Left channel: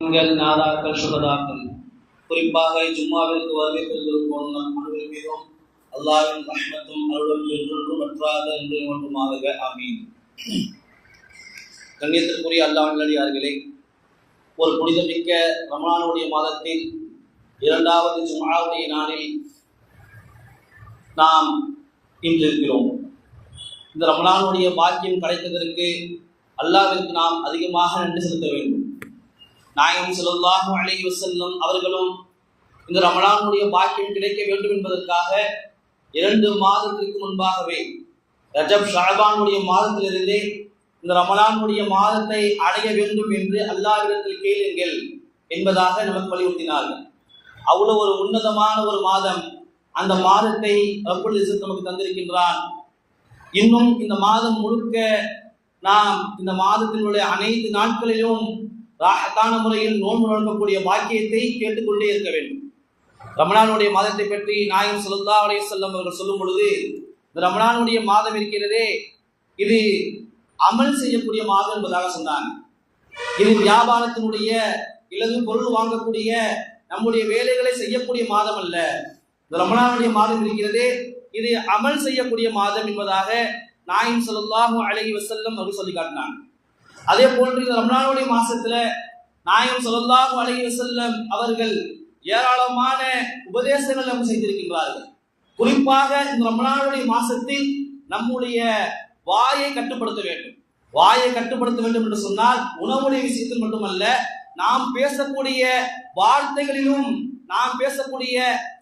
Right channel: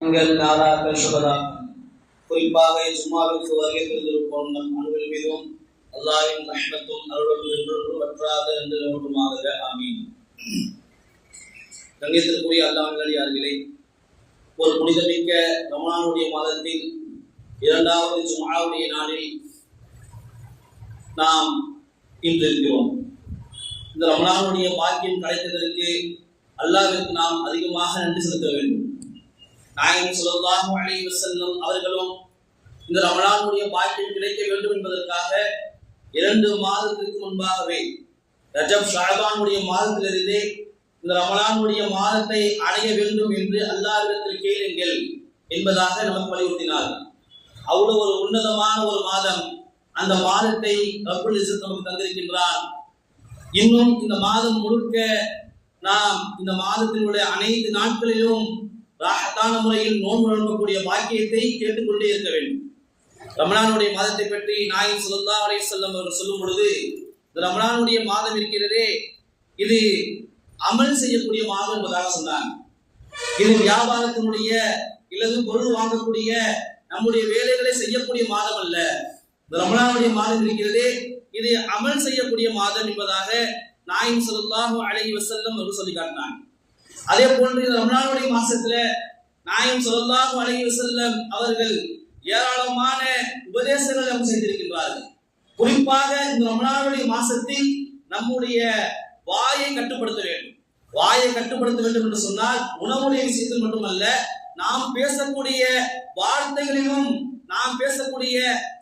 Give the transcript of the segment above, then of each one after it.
நாதாக்கள் சுகதாக்கள் குறிப்பாக ஜும்மாவிற்கு வருகை பெறுவதற்கும் நம் அனைவரின் மீதும் அல்லாஹ்வின் ரஹ்மத்தும் அருளும் என்றொன்றும் வற்றாத என்று ஒன்றுமாக ஆமீன். கண்ணியத்திற்குரிய அல்லாஹ்வின் நல்லடியார்களே, ஒரு புனிதமிக்க ரமலானுடைய மாதத்தில் இரண்டாவது ஜும்ஆவுடைய நாளில் நாம் இன்று இருக்கிறோம். இந்த ரமலானுடைய பாக்கியம் கிடைத்ததற்கு அல்லாஹ்விற்கு நாம் அதிகமாக நன்றி செலுத்த வேண்டும். நாயகம் ஸல்லல்லாஹு அலைஹி வஸல்லம் அவர்களும் இந்த ரமலானுடைய பாக்கியம் கிடைக்க வேண்டும் என்பதற்காக 2 மாதத்திற்கு முன்பாகவே ரஜப் ஷஅபானுடைய மாதத்திலிருந்தே இந்த ரமலானுடைய மாதத்தை அடைய வேண்டும் என்று அல்லாஹ்விடத்தில் கேளுங்கள் என்பதாக நமக்கு வலியுறுத்தினார்கள். அவ்வளவு ஒரு உன்னதமான ஒரு மாதம், அந்த மாதத்தை ரப்புல் இஸ்ஸத் நமக்கு தந்திருக்கின்றான். இன்னும் இந்த மாதம் முழுக்க நாம் இந்த மாதத்தினுடைய அனைத்து நாட்களிலும் ராஹத்தான முறையில் நோன்பு நோக்கக்கூடிய பாக்கியத்தை கேட்டுக்கொண்டே இருக்க வேண்டும். ரமலானுடைய மாதத்தை பற்றி நாயகம் ஸல்லல்லாஹு அலைஹி வஸல்லம் அவர்கள் சொல்லும் பொழுது, இந்த ரமலானுடைய மாதம் இருக்கிறதே, இது அமல் செய்யக்கூடிய மாதம் என்பதாக சொன்னாங்க. இது வியாபாரத்தினுடைய இல்லது பொருள் வாங்கக்கூடிய நம்முடைய வேலைகளை செய்யக்கூடிய மாதம் அல்ல. இந்த ரமலானுடைய மாதம் இருக்கிறதே, இது அமல் செய்யக்கூடிய மாதம் என்பதாக நாயகம் ஸல்லல்லாஹு அலைஹி வஸல்லம் அவர்கள் சொல்லி காட்டினாங்க. அதே போன்று இந்த ரமலானுடைய மாசத்துல நாயகம் ஸல்லல்லாஹு அலைஹி வஸல்லம் அவர்கள் ஏராளமான உபதேசங்கள் நமக்கு செய்திருக்கின்றார்கள். குறிப்பாக இந்த ரமலானுடைய மாசத்தில் நம்முடைய வாயை கட்டுப்படுத்த வேண்டும். வாயை கட்டுப்படுத்த வேண்டும் என்று சொன்னால் உணவுடைய விஷயத்தில் மட்டுமல்ல, நாம் பேசக்கூடிய வார்த்தைகளிலும் நாம் பேசக்கூடிய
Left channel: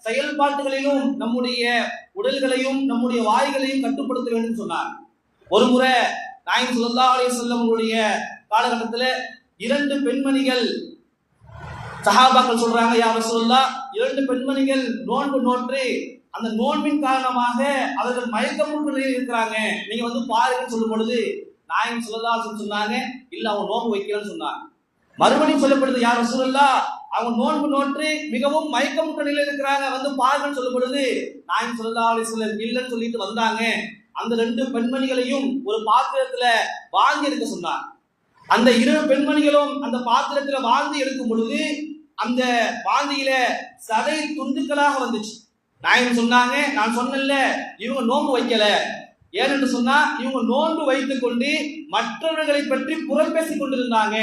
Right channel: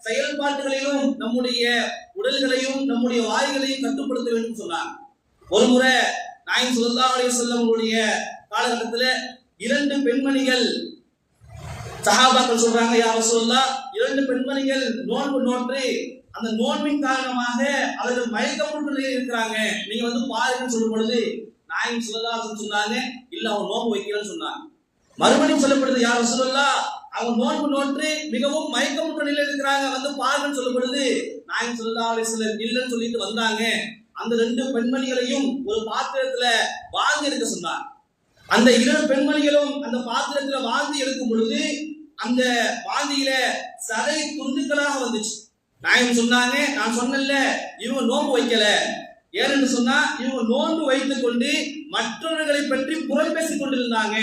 செயல்பாடுகளிலும் நம்முடைய உடல்களையும் நம்முடைய வாய்களையும் கட்டுப்படுத்த வேண்டும் சொன்னார். ஒரு முறை நாயகம் ஸல்லல்லாஹு அலைஹி வஸல்லம் அவருடைய காலகட்டத்தில் 2 பெண்மணிகள் சஹாபாக்கள் சொல்றாங்க, யா ரசூலுல்லாஹ், 2 பெண்மணிகள் நோன்பு நோற்று அந்த நோன்பின் காரணமாக அவர்கள் மயக்கமுற்ற நிலையில் இருக்கிறாங்க, நீங்க வந்து பாருங்கன்னு சொல்லும் பொழுது நாயகம் ஸல்லல்லாஹு அலைஹி வஸல்லம் சொன்னாங்க, இல்ல அவங்க நோன்பு வைக்கலன்னு சொன்னாங்க. மறுபடியும் சொல்லப்படுது, யா ரசூலுல்லாஹ், அவங்க நோன்பு நோற்று மிகவும் மயக்கமுற்ற நிலையில் இருக்கிறாங்க, வந்து பாருங்கன்னு சொல்லும் பொழுது நாயகம் ஸல்லல்லாஹு அலைஹி வஸல்லம் இல்லைன்னு சொல்லிட்டு வந்தாங்க. அந்த 2 பெண்மணிகளையும் ஒரு பாத்திரத்துல வாங்கி எடுக்க சொன்னார். அந்த 2 பெண்மணிகளும் அந்த பாத்திரத்துல வாங்கி எடுக்கும் பொழுது அந்த வாந்தியில சதை துண்டுகளாக வந்துச்சு. நாயகம் சொன்னாங்க, நான் சொன்னேன்ல, இவங்க நோன்பு வைக்கல. ஏனென்று சொன்னா இவங்க நோன்பு வைத்துக் கொண்டு மற்றவர்களை பற்றி புறம் பேசிக் கொண்டிருந்தாங்க,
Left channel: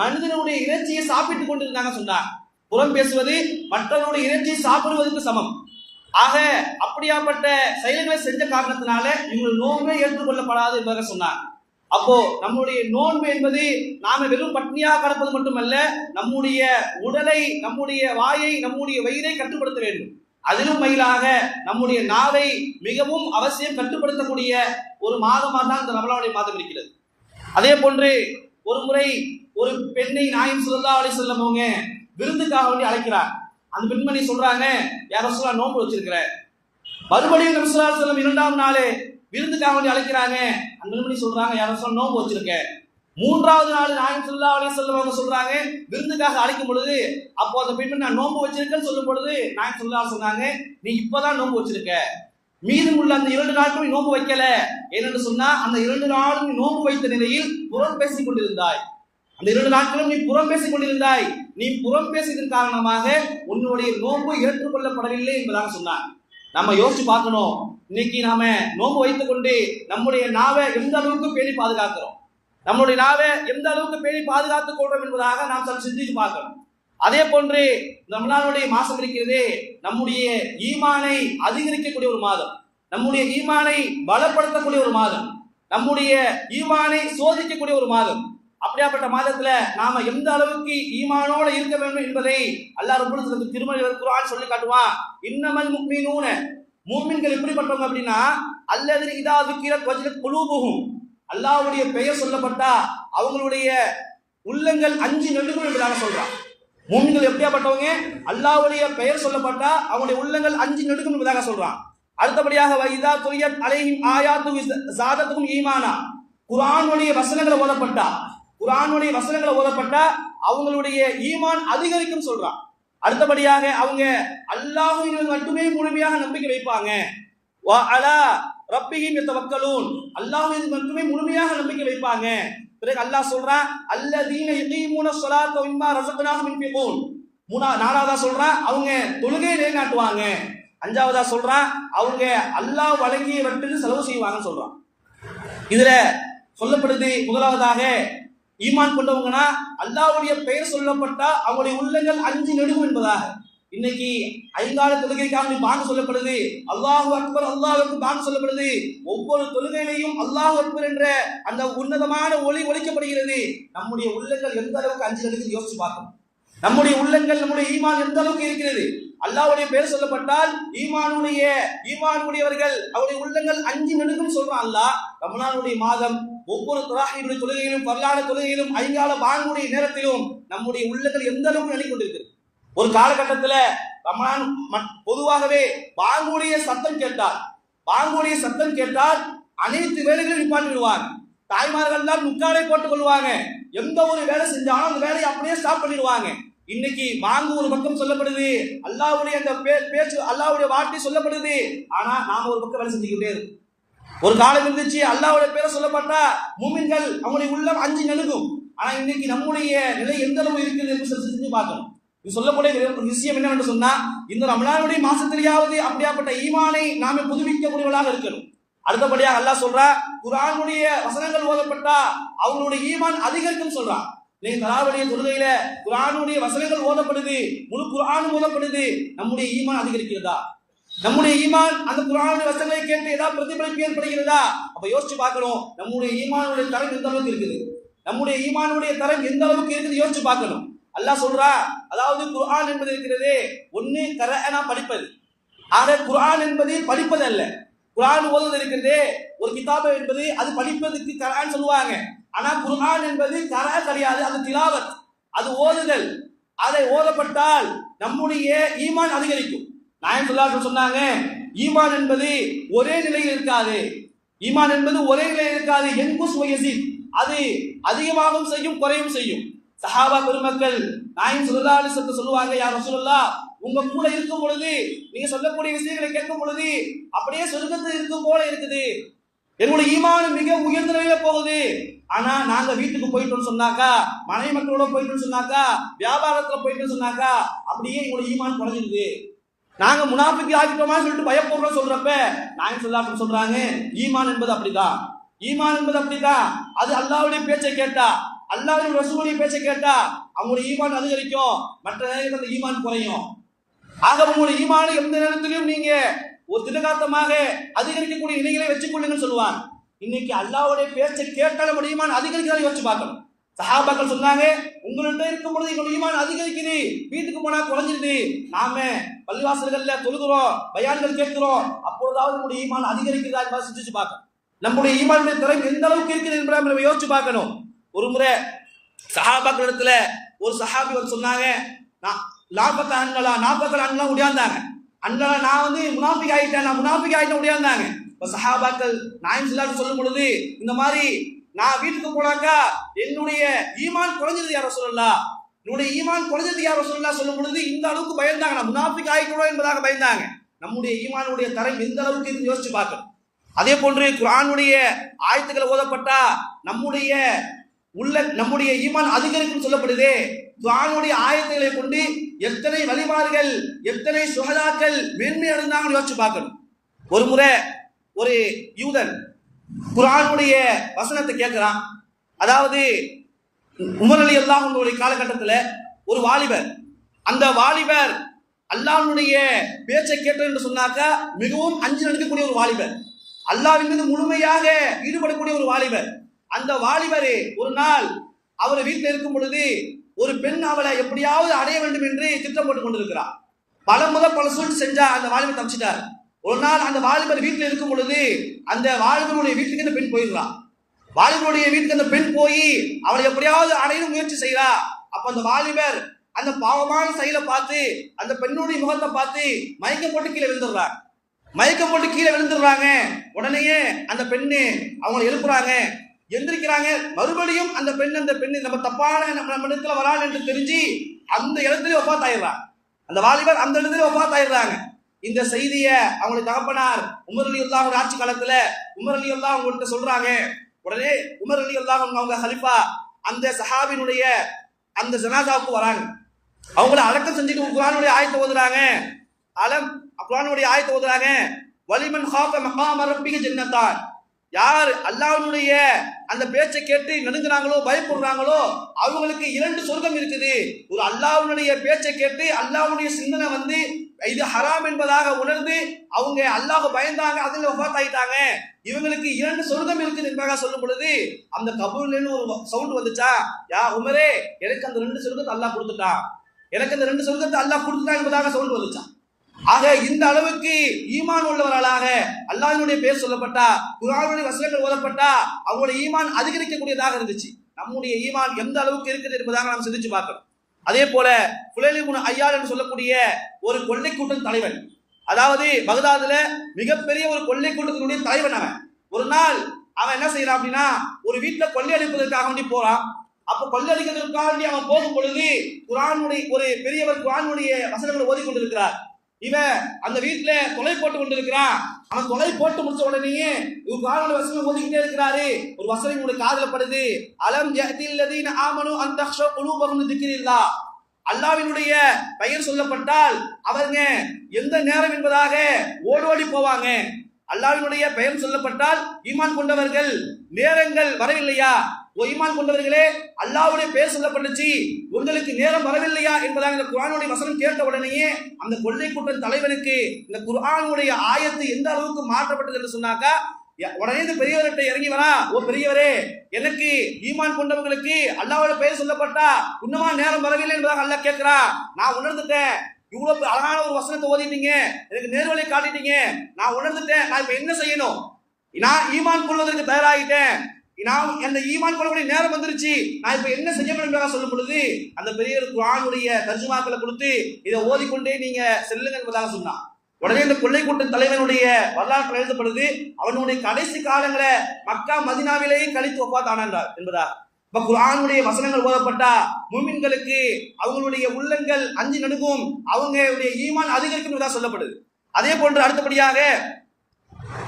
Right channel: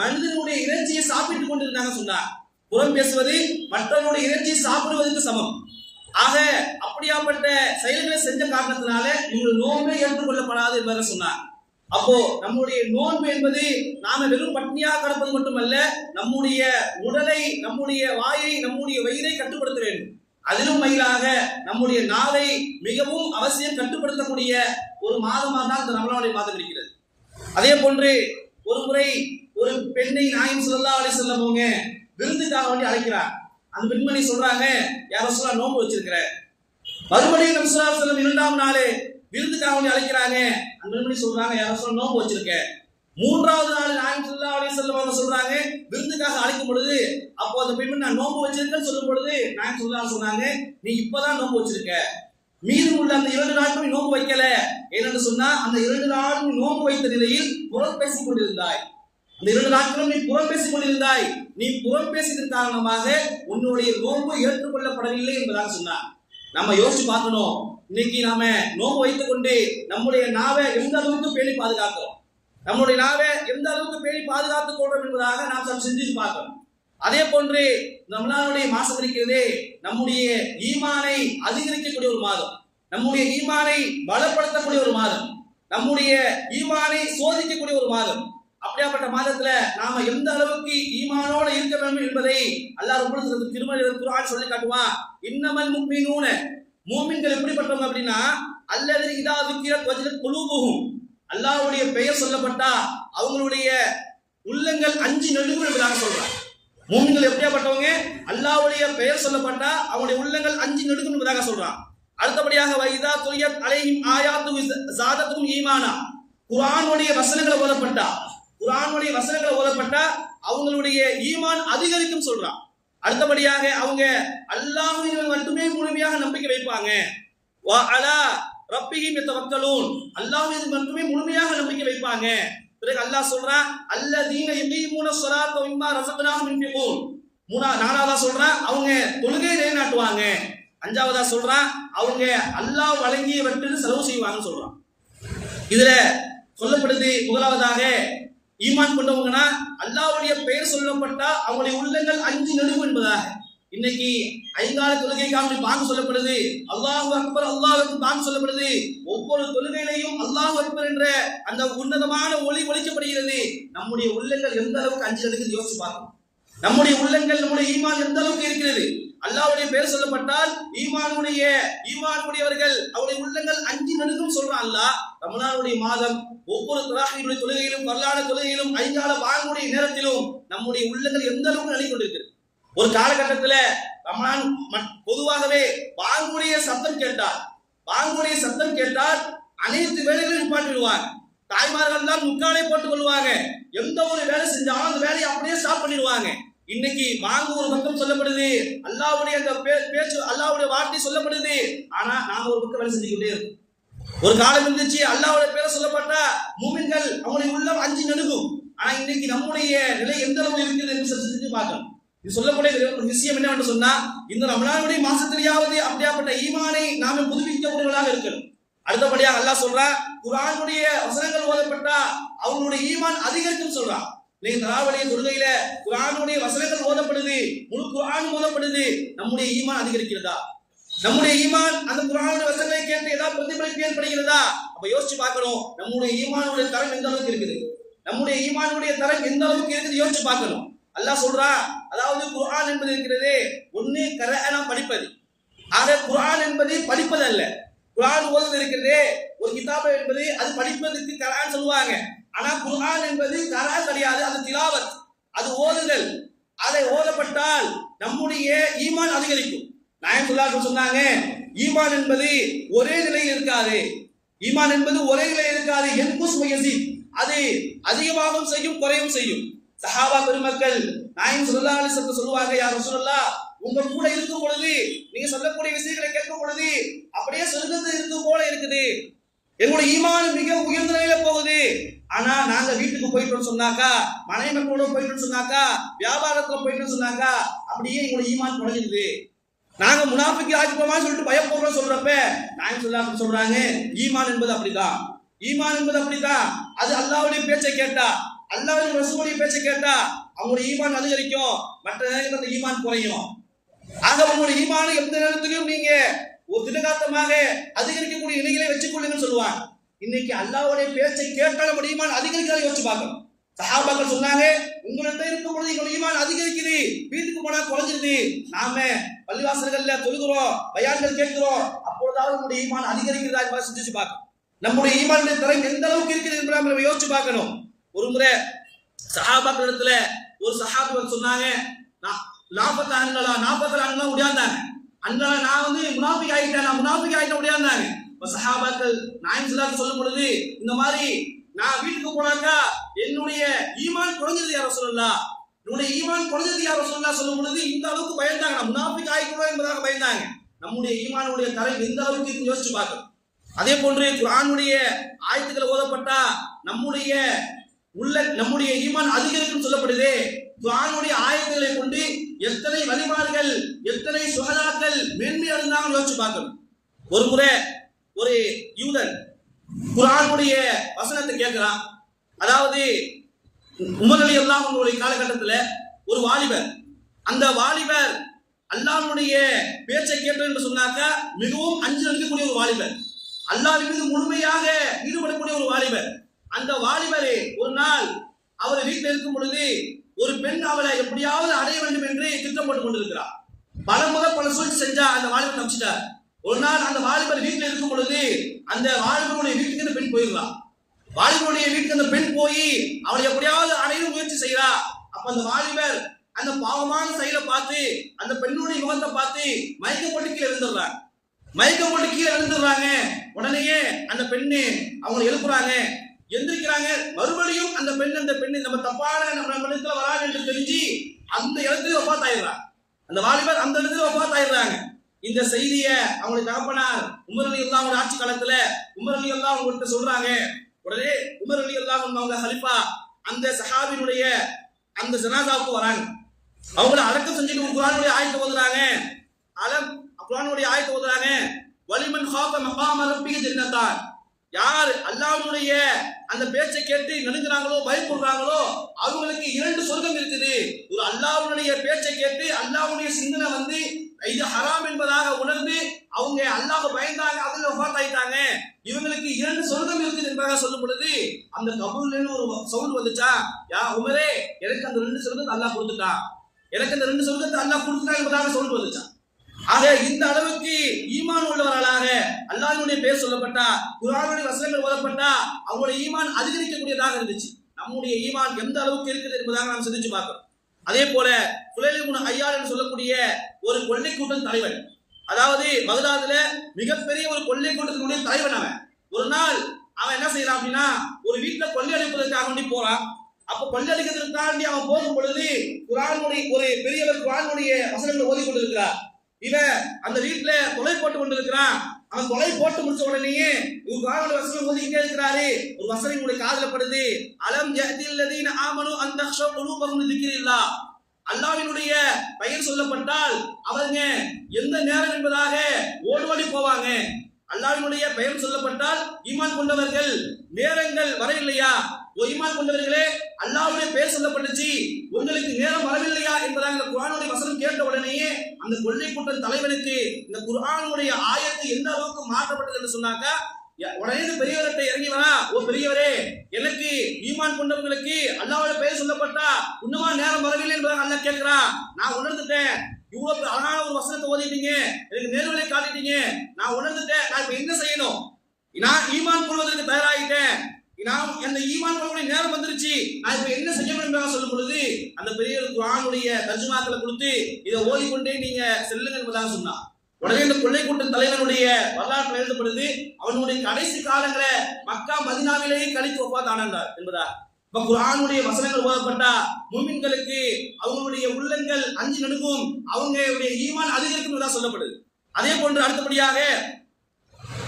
மனிதனுடைய இறைச்சியை சாப்பிட்டுக் கொண்டிருந்தாங்க சொன்னார். புறம் பேசுவது மற்றவர்களுடைய இறைச்சியை சாப்பிடுவதற்கு சமம். ஆக அப்படியாப்பட்ட செயல்களை செஞ்ச காரணத்தினால இவங்க நோன்பே ஏற்றுக்கொள்ளப்படாது என்பதாக சொன்னார். அப்போ நம்முடைய நோன்பு என்பது நாம வெறும் பட்னியாக கடப்பது மட்டுமல்ல, நம்முடைய உடலை, நம்முடைய வாயை, நம்முடைய வயிறை கட்டுப்படுத்த வேண்டும். அதிலும் மயிலாக நம்முடைய நாவை மிகவும் அவசியம் கட்டுப்படுத்தக்கூடிய ஒரு மாதமாக தான் இந்த ரமலானுடைய மாதம் இருக்கிறது. அதே போன்று ஒரு முறை ஒரு பெண்ணை நாயகம் ஸல்லல்லாஹு அலைஹி வஸல்லம் அவங்க விருந்துக்காக வேண்டி அழைக்கிறார். அந்த பெண்மணி சொல்றாங்க, யா ரசூலுல்லாஹ், நோன்பு வச்சிருக்கிறேன். மறுபடியும் நபி ஸல்லல்லாஹு அலைஹி வஸல்லம் 2ஆம் நாள் விருந்துக்காக வேண்டி அழைக்கிறாங்க. அந்த பெண்மணி சொல்றாங்க, யா ரசூலுல்லாஹ், நோன்பு வச்சிருக்கேன். 3ஆவது நாள் நாயகம் ஸல்லல்லாஹு அலைஹி வஸல்லம் அவங்க சொல்றாங்க, விருந்துக்காக அழைக்கும் பொழுது, அப்போ அந்த பெண்மணி நான் நோன்பு வச்சிருக்கேன்னு சொல்லும் பொழுது நாயகம் ஸல்லல்லாஹு அலைஹி சொன்னாங்க, நீ இப்பதான் நோன்பு வச்சிருக்க, மீதம் உள்ள அந்த 2 நாட்களும் நோன்பு வைக்கல. ஏனென்று சொன்னா அந்த 2 நாளும் நோன்பு வைத்த நிலையில் புறம் பேசிக் கொண்டிருந்தாய். அந்த 2 நாட்களும் நீ புறம் பேசிக் கொண்டிருந்தாய். நீ புறம் பேசியதன் காரணமாக உன்னுடைய நோன்பு ஏற்றுக்கொள்ளப்படவில்லை என்பதாக சொன்னார். நம்ம யோசிச்சு பார்க்கணும், இன்னைக்கு நாம நோன்பு வைத்துக் கொண்டு நம்முடைய நாவை எந்த அளவுக்கு பேணி பாதுகாக்கிறோம், நம்முடைய நாவை எந்த அளவுக்கு பேணி பாதுகாத்துக் கொள்றோம் என்பதாக நாம் சற்று சிந்திச்சு பார்க்கணும். அதே போன்று ரமலானுடைய மாசம் இருக்கிறதே, நம்முடைய ஈமானை அதிகரிக்கக்கூடிய ஒரு மாதம், நம்முடைய ஈமானை பலப்படுத்தக்கூடிய ஒரு மாதம், நம்முடைய ஈமானை சோதிக்கக்கூடிய ஒரு மாதம். அப்படியாப்பட்ட மாதத்துல நாம எந்த அளவுக்கு ஈமானோட இருக்க வேண்டும் என்பதை அல்லாஹ் ரப்பல் இஸ்ஸத் திருமறை குர்ஆன் சொல்லி காட்டுவான். இன்னமல் முஃமினூன, மூமின்கள் எப்படிப்பட்டவங்க அப்படின்னா, அல்லதீன இதா ذுக்கிரத் வஜலத் குலூபுஹும், அல்லாஹ்வுடைய பெயர் சொல்லப்பட்டா அவங்களுடைய உள்ளங்கள் அஞ்சி நடுங்கும் என்பதாக சொல்றான். மூமின்கள் எப்படியாப்பட்டவங்க, அல்லாஹ்வுடைய பெயர் சொல்லப்பட்டா அவங்களுடைய உள்ளங்கள் அஞ்சி நடுங்கும் என்பதாக சொல்றான். அடுத்தபடியாக வைதா துலியத் அலைஹிம் ஆயாத்து ஸாதத்துஹும் ஈமானா, குர்ஆனுடைய வசனங்களை ஓதப்பட்டா அவங்களுடைய ஈமான் அதிகரிக்கும் சொல்றான். அடுத்தபடியாக அவங்க அல்லாஹ்வின் மட்டுமே முழுமையாக நம்பிக்கை வைப்பாங்க. வ அலா ரப்பிஹிம் யதவக்கலூன், அல்லாஹ் மீது மட்டுமே முழுமையாக நம்பிக்கை வைப்பாங்க. பிறகு அல்லாஹ் சொல்றான் அல்லதீன யுகீமுன ஸலாத்த வ மிம்மா ரஸக்னாஹும் யுன்ஃபிகூன். நாலாவதா சொல்றான் அவங்க தொழுகையை நிலைநாட்டுவாங்க. அஞ்சாவதா சொல்றான் அவங்க அல்லாஹ் வழங்கியவற்றை செலவு செய்வாங்கன்னு சொல்றான். இதுல சொல்லப்படுது முதலாவதாக ஈமான் கொண்டவங்கன்னா அல்லாஹ்வுடைய பெயர் சொல்லப்பட்டா அவங்களுடைய உள்ளங்கள் அஞ்சு நடுவும் என்பதாக. இன்னைக்கு ஐங்கால தொழுகைக்காக பாங்கு சொல்லப்படுது, அல்லாஹு அக்பர் அல்லாஹ் அக்பர் பாங்கு சொல்லப்படுது. ஒவ்வொரு தொழுகையிலையும் அல்லாஹு அக்பர் என்ற அந்த உன்னதமான ஒளி ஒலிக்கப்படுகிறது. நம்முடைய உள்ளங்கள் எந்த அளவுக்கு அஞ்சு நடுக்குது யோசிச்சு பார்க்கணும். நம்முடைய உள்ளங்கள் நம்முடைய ஈமான் எந்த அளவுக்கு இருக்கிறது. அல்லாஹ்வுடைய பெயர் சொல்லப்பட்டால் ஈமானுடையவர்கள் அவருடைய உள்ளங்கள் அஞ்சு நடுக்கும் சொல்றான் அல்லாஹ். ரமலானுடைய மாதம் ஒவ்வொரு தராஹீருடைய தொழுகையிலும் பரலான தொழுகையிலும் ஐங்கால பாங்குடைய நேரத்திலும் நம்முடைய உள்ளங்கள் எந்த அளவுக்கு நடிக் கொண்டிருக்கிறது. ஒரு காலகட்டத்தில் ரமலான் பொதுவாகவே பாங்குடைய சத்தம் கேட்டால் அனைத்து வேலைகளையும் நிப்பாட்டி விடுவாங்க. தாய்மார்கள் தான் முக்காலை போட்டுக் கொள்வாங்க. எந்த ஒரு வேலை செஞ்சாலும் அந்த வேலையை அப்படியே ஸ்டாப் பண்ணிடுவாங்க. இன்னைக்கு பாங்கு ஒரு பக்கம் சொல்லப்படுது, அல்லாஹ்வுடைய அந்த பேச்சு அல்லாஹ்வுடைய வார்த்தை சொல்லப்படுது. ஆனா நாம ஒரு பக்கம் வேலை செஞ்சுக்கிட்டே இருக்கோம். ஒரு காலம் இருந்துச்சு அல்லாஹ்வுடைய பேரை சொல்லப்பட்டா மூமின்கள் அவங்களுடைய உள்ளம் அஞ்சு நடுங்கும். ஆனா இன்னைக்கு நம்முடைய நிலை எந்த அளவு இருக்குது என்று செஞ்சு பார்க்கணும். இது சொல்லக்கூடிய ஒரு விஷயம் என்னவென்று சொன்னா, இந்த ரமலானுடைய மாசத்திலேயாவது அப்படியாப்பட்ட ஈமானை நாம புதுப்பிக்கக்கூடியவர்களாக இருக்கணும். அடுத்தபடியாக அல்லாஹ் சொல்றா, குர்ஆனுடைய வசனங்கள் ஓதப்பட்டா அவங்களுடைய ஈமான் அதிகரிக்கும் சொல்றான். நீங்க தராவுடைய தொழுகையில குர்ஆனுடைய வசனங்கள் ஓதப்படுது, முழு குர்ஆனும் ஓதப்படுது, நம்முடைய ஈமான் அதிகரிக்கிறதா? நம்முடைய ஈமான் அந்த குர்ஆனுடைய வசனங்களை கேட்டு ஏதாவது பிரதிபலிப்பு ஏற்படுகிறதா? அப்ப யோசிச்சு பார்க்கணும், நம்முடைய ஈமானுடைய தரம் எந்த அளவுக்கு இருக்குது, யோசிச்சு பார்க்கணும். அல்லாஹ் சொல்றா, அதாவது குர்ஆன் என்பது இருக்கிறதே ஒன்னு கரஅனா படிப்பது. ஆக குர்ஆன் என்பது படிப்பது அல்ல. குர்ஆன் ஓதுவது இருக்கிறதே ஒரு கிதாப என்பது அது படிப்பதற்கு கரஅன் சொல்லுவாங்க. ஆனா குர்ஆன் என்பது கரஅ கிடையாது, அது திலாவத், அது ஓதுதல். அதை ஓதப்பட்டால் நம்முடைய ஈமான் அதிகரிக்கும். நாயகம் ஸல்லல்லாஹு அலைஹி சொன்னாங்க, ஈமான் என்பது ஒரே நிலையில் இருக்காது, என்குஸ் வ யஸீத், அது அதிகமாகவும் செய்யும் குறையும் செய்யும். சஹாபா பெருமக்கள் நாயகம் ஸல்லல்லாஹு அலைஹி வஸல்லம் சொல்லுவாங்க, யா ரசூலல்லாஹ், உங்க கூட இருக்கும் பொழுது நீங்க சொல்லக்கூடிய விஷயங்களை கேட்கும் பொழுது அப்படியே சொர்க்கத்தில் இருக்கும் போல இருக்குது, என்னோட ஈமான் மிக உயர்ந்த நிலையில போகுது. ஆனா நாங்க வீட்டுக்கு போயிட்டோம்னு சொன்னாக்கா, மனைவி மக்களோட போயிட்டோம்னு சொன்னாக்கா, வியாபாரத்துல போயிட்டோம்னு சொன்னாக்கா அப்படியே எங்களோட ஈமான் குறைஞ்சிருது. நாங்க முனாஃபிக் ஆகிட்டோமா சொல்லிட்டு பயப்படுறோம் சொல்றப்ப நாயகம் ஸல்லல்லாஹு அலைஹி சொல்றாங்க, ஈமான் என்பது அப்படிதான். அது அல்லாஹ்வுடைய பேச்சை கேட்டா, அல்லாஹ்வுடைய ரசூலுடைய பேச்சை கேட்டா அவங்களுடைய ஈமான் அதிகரிக்கும், மற்ற நேரத்தில் அந்த ஈமான் குறையும். ஆக உங்களுடைய ஈமான் எந்த நேரத்திலும் நீங்க ஒரு திடகாத்தமாக அதிகரிக்கக்கூடிய நிலைகளை வச்சுக் கொள்ளுங்கன்னு சொல்லுவாங்க. இன்னைக்கு அல்லாஹ்வுடைய பேச்சை கேட்டால் நம்முடைய ஈமான் அதிகரிக்கிறத யோசிச்சு பார்க்கணும். சஹாபாக்கள் சொன்னாங்க, உங்கள்கிட்ட இருக்கும் பொழுது எங்களுடைய ஈமான் அதிகரிக்குது, வீட்டுக்கு போனா குறைஞ்சிருது. நாம பள்ளிவாசல்கள்ல தொழுகிறோம், பயான்கள் கேட்கிறோம், அப்பொழுதாவது நம்முடைய ஈமான் அதிகரிக்கிறதா என்பதை சிந்திச்சு பார்க்கணும். நம்முடைய ஈமானுடைய தரம் எந்த அளவுக்கு இருக்குது என்பதை நம்ம யோசிச்சு பார்க்கணும். ஒரு முறை சஹாபாக்கள் இடத்துல ஒரு சஹாபி வந்து சொன்னாங்க, 40 ஆண்களா உடையாந்தாங்க. அண்ணா நான் முனாஃபிக் ஆயிட்டேன் உடையாந்தாங்க. இப்ப சஹாபாக்கள் நாயகம் ஸல்லல்லாஹு அலைஹி சொல்லும் பொழுது, இந்த மாதிரி நான் வீட்டுக்கு போனாக்கா என்னுடைய ஈமான் குறைஞ்சது யார் ரசூலுல்லாஹ், சொல்லும் பொழுது இந்த அளவுக்கு பயந்தாங்க. நான் முனாஃபிக் ஆயிட்டோம் என்பதாக பயந்தாங்க. நம்முடைய ஈமானுடைய தரம் எந்த அளவுக்கு இருக்குன்னு யோசிச்சு பார்க்கணும். அதே போன்று குர்ஆனுடைய ஆயத்துக்களை ஓதப்பட்டா நம்முடைய ஈமான் அதிகரிக்கும் சொல்லப்படுதே. குர்ஆனுடைய ஆயத்துக்களை கொண்டு எத்தனை வழிமார்கள், எத்தனை சுஹதாக்கள் மேன்மை அடைந்தாங்கன்னு யோசிச்சு பார்க்கணும். ஒரு முறை ஒரு யூதன் குர்ஆனுடைய வசனத்தை கேட்கிறான். அதாவது உமர் ரலியல்லாஹு அன்ஹுடைய காலகட்டத்தில் ஒரு வாலிபர், அந்த வாலிபர் அல்லாஹ்வுடைய பேச்சை கேட்டோம் என்று சொன்னாக்கா மிகவும் அஞ்சு நடக்கக்கூடிய ஒரு வாலிபர், அல்லாஹ்வின் மீது முழுமையாக ஈடுபடக்கூடிய ஒரு வாலிபர். அந்த வாலிபரே ஒரு நாள் அவர் வீட்டில் இருக்கும் பொழுது ஒரு பெண் அவளை எப்படியாவது அடைய வேண்டும் என்று திட்டம் போட்டுக் கொண்டிருக்கிறார். பல சூழ்ச்சி செஞ்சா அந்த வாலிபர் தப்பிச்சிட்டார். ஒரு நாள் அந்த வாலிபர் வீட்டில் இருக்கும் பொழுது அந்த வாலிபருடைய வீட்டுக்கு அந்த பெண் போயிடுறான். வாலிபருடைய வீட்டுக்கு அந்த பெண் போய் அவளை எப்படியாவது அடைய முயற்சி செய்யறா. அப்ப அந்த வாலிபர் அந்த பாவமான செயலை பார்த்து அந்த பெண்ணுடைய முகத்தை பார்த்து மயக்கம் போட்டு கீழே விழுந்துடுறாங்க. உடனேயே அந்த பெண்ணு அவங்களை எழுப்புறாங்க, எந்திரிக்கிறாங்க. மறுபடியும் அந்த பெண் நம்ம தப்பான நம்ம இடத்துல வராங்க என்று தெரிஞ்சு அந்த இடத்துல வஃபாத் ஆயிடுறாங்க. அந்த வாலிபர் அந்த இடத்துல வஃபாத் ஆயிடுறாங்க. இந்த செய்தியை அவங்களுடைய தகப்பனார் உமர் ரலியல்லாஹு ஆட்சி காலத்துல உமர் ரலியல்லாஹு அவங்கள்ட்ட சொல்றாங்க. உடனே உமர் ரலியல்லாஹு அன்ஹு அவங்க ஹலிஃபா அந்த சஹாபினுடைய அந்த ஜனாசாவுக்கு வராங்க. அவங்கள அடக்கம் செஞ்சுட்டு குர்ஆனுடைய ஆயத்தை ஓதுறாங்க. குர்ஆனுடைய ஆயத்தை ஓதுறாங்க. வலிமன் ஹாஃப மகாம ரப்பிக ஜன்னத்தான். யார் அல்லாஹ்வுடைய அந்த பேச்சை கேட்டு நடுங்குறாங்களோ பயப்படுறாங்களோ அவங்களுக்கு 2 சொர்க்கம் இருக்குது. ஒரு அல்லாஹ்வுடைய பேச்சை கேட்டு அல்லாஹ்வுடைய சிந்தனை வந்து இது ஹராம் என்பதாக உணர்ந்து அவங்க அல்லாஹ் பயந்தாங்க, அதுல வஃபாத் ஆயிட்டாங்க. இவங்களுக்கு 2 சொர்க்கம் இருக்குது என்பதாக சொல்லும் பொழுது அந்த கபூர்லன்னு ஒரு சவுண்ட் வந்துச்சா, யா உமரே எனக்கு அந்த 2 சொர்க்கத்தை அல்லாஹ் கொடுத்துட்டான், எனக்கு அந்த 2 சொர்க்கத்தை அல்லாஹ் கொடுத்துட்டான் என்பதாக சவுண்ட் வந்துச்சான். ஆக இந்த அளவுக்கு ஈமான் உள்ளவர்களாக அல்லாஹ்வுடைய பேர் சொல்லப்பட்டா, குர்ஆனுடைய வசனங்கள் ஓதப்பட்டா அவங்களுடைய ஈமான் அதிகரிக்கக்கூடியதாக இருந்துச்சு. நம்முடைய ஈமான் எந்த அளவுக்கு இருக்குது என்பதாக நாம் சிந்திச்சு பார்க்கணும். அதே போல ஃபுலைல் இப்னு ஐயால் என்று சொல்லக்கூடிய ஒரு கொள்ளை கூட்டம் தலைவன், அதாவது பகதாதுல மிகப்பெரிய ஒரு கொள்ளை கூட்டத்தினுடைய தலைவன் அவன். ஒரு நாள் அவன் என்ன செய்யறான் அப்படின்னா, ஒரு வீட்டுல கொள்ளை அடிப்பதற்காக வேண்டி போறான். அப்ப கொள்ளை அடிக்கிறதுக்காக அவன் போகும் பொழுது குர்ஆனுடைய ஒரு பெரியவர் குர்ஆனுடைய வசனங்களை ஓதி கொண்டிருக்கிறார். இவன் அந்த வீட்டுல கொலை போட்டு கொண்டிருக்கிறான். அவன் கொலை போட்டு முடிச்ச உடனேயே குர்ஆனுடைய வசனம் ஓதிக்கிட்டே இருக்கிறாரு. ஒரு வசனம் உங்களுக்கு காதுல படுது, அலம் யஹ்தில் லதீன ஆமனு அன் தக்ஷா குலூபஹும் லிذிக்ரில்லாஹ். அல்லாஹ்வினுடைய பெயர் சொல்லப்பட்டால் அவங்க எந்த நேரம் என்பதாக ஓடோடி போவாங்க. அல்லாஹ்வினுடைய பெயர் சொல்லப்பட்டால் ஈமான் கொண்டவர்கள் நேரங்கள் வரவில்லையா, ஓ ஈமான் கொண்டவர்களே அல்லாஹ்வுடைய பெயர் சொல்லப்பட்டுச்சு, உங்களுக்கு நேரம் வரவில்லையா என்பதாக இந்த குர்ஆனுடைய வசனம் கேட்ட உடனேயே அந்த கொள்ளை கூட்ட தலைவனுக்கு இந்த குர்ஆனுடைய ஆயத்து எந்த அளவுக்கு மாற்றப்பட்டது என்று சொன்னாக்கா, உடனே இந்த பெரியவர்கிட்ட இறங்கி வரா, ஓ பெரியவரே எனக்கு ஈமான் கொண்டவங்களுக்கு அல்லாஹ்வுடைய பெயர் சொல்லப்பட்டா இன்னுமா நேரம் வரவில்லை என்பதாக அல்லாஹ் கேட்கிறா. நான் உணர்ந்துட்டேன், இவ்வளவு அழகான ஒரு வசனத்தை ஓதிட்டீங்க, எனக்கு நேர்வழியை காட்டிட்டீங்க, நான் உணர்ந்துட்டேன், நான் இப்ப என்ன செய்யணும், நான் ஈமான் கொள்வதற்கு தயாராகிட்டேன், நான் அந்த ஈமான் கொள்ளக்கூடிய நேரம் வந்துருச்சு, நான் இப்ப என்ன செய்யணும் என்பதாக சொல்லும் பொழுது அந்த பெரியவர் குர்ஆனுடைய தர்ஜுமாக்களை கொடுத்து இதை ஓதிக்கொண்டே நீங்க செல்லுங்க என்பதாக சொன்னான். உடனே இந்த கொள்ளை கூட்ட தலைவனுடைய வரலாற்று எழுதப்படுது, அவனுடைய கடைசி காலங்களை மக்கா மதீனாவிலேயே கழித்து வஃபாத் ஆனார் என்பதா. இப்ப குர்ஆனுடைய வசனங்கள் ஓதப்பட்டா முஃமின்களுக்கு அவங்களுடைய உள்ளங்கள் அஞ்சி நடுங்கும், அவங்களுடைய ஈமான் அதிகரிக்கும் என்பதாக சொல்லப்படுது. அதே போன்று அடுத்தபடியாக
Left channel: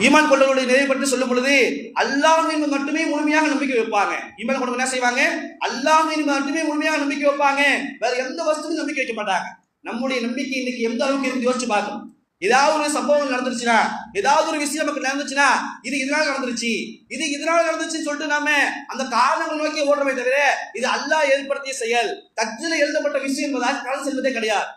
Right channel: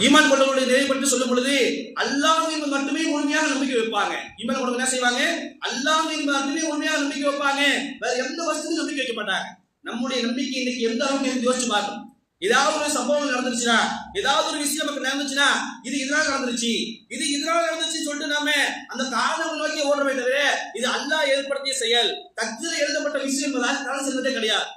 ஈமான் கொண்டவர்களுடைய நிலை பற்றி சொல்லும் பொழுது அல்லாஹ்வின் மட்டுமே முழுமையாக நம்பிக்கை வைப்பாங்க. ஈமான் கொண்டவங்க என்ன செய்வாங்க, அல்லாஹ்வின் மட்டுமே முழுமையாக நம்பிக்கை வைப்பாங்க, வேற எந்த வஸ்துவிலும் நம்பிக்கை வைக்க மாட்டாங்க. நம்முடைய நம்பிக்கை இன்னைக்கு எந்த அளவுக்கு இருந்து யோசிச்சு பார்க்கணும். ஏதாவது ஒரு சம்பவம் நடந்துருச்சுன்னா, ஏதாவது ஒரு விஷயம் நமக்கு நடந்துச்சுன்னா இது இதனால நடந்துருச்சு, இது இதனால நடந்துச்சுன்னு சொல்லிட்டு நாம அந்த காரணங்களை நோக்கி ஓடுறமே தவிர இது அல்லாஹ் ஏற்படுத்திய செயல், தக்தீரில் எழுதப்பட்ட விஷயம் என்பதால் கடந்து செல்வதே கிடையாது.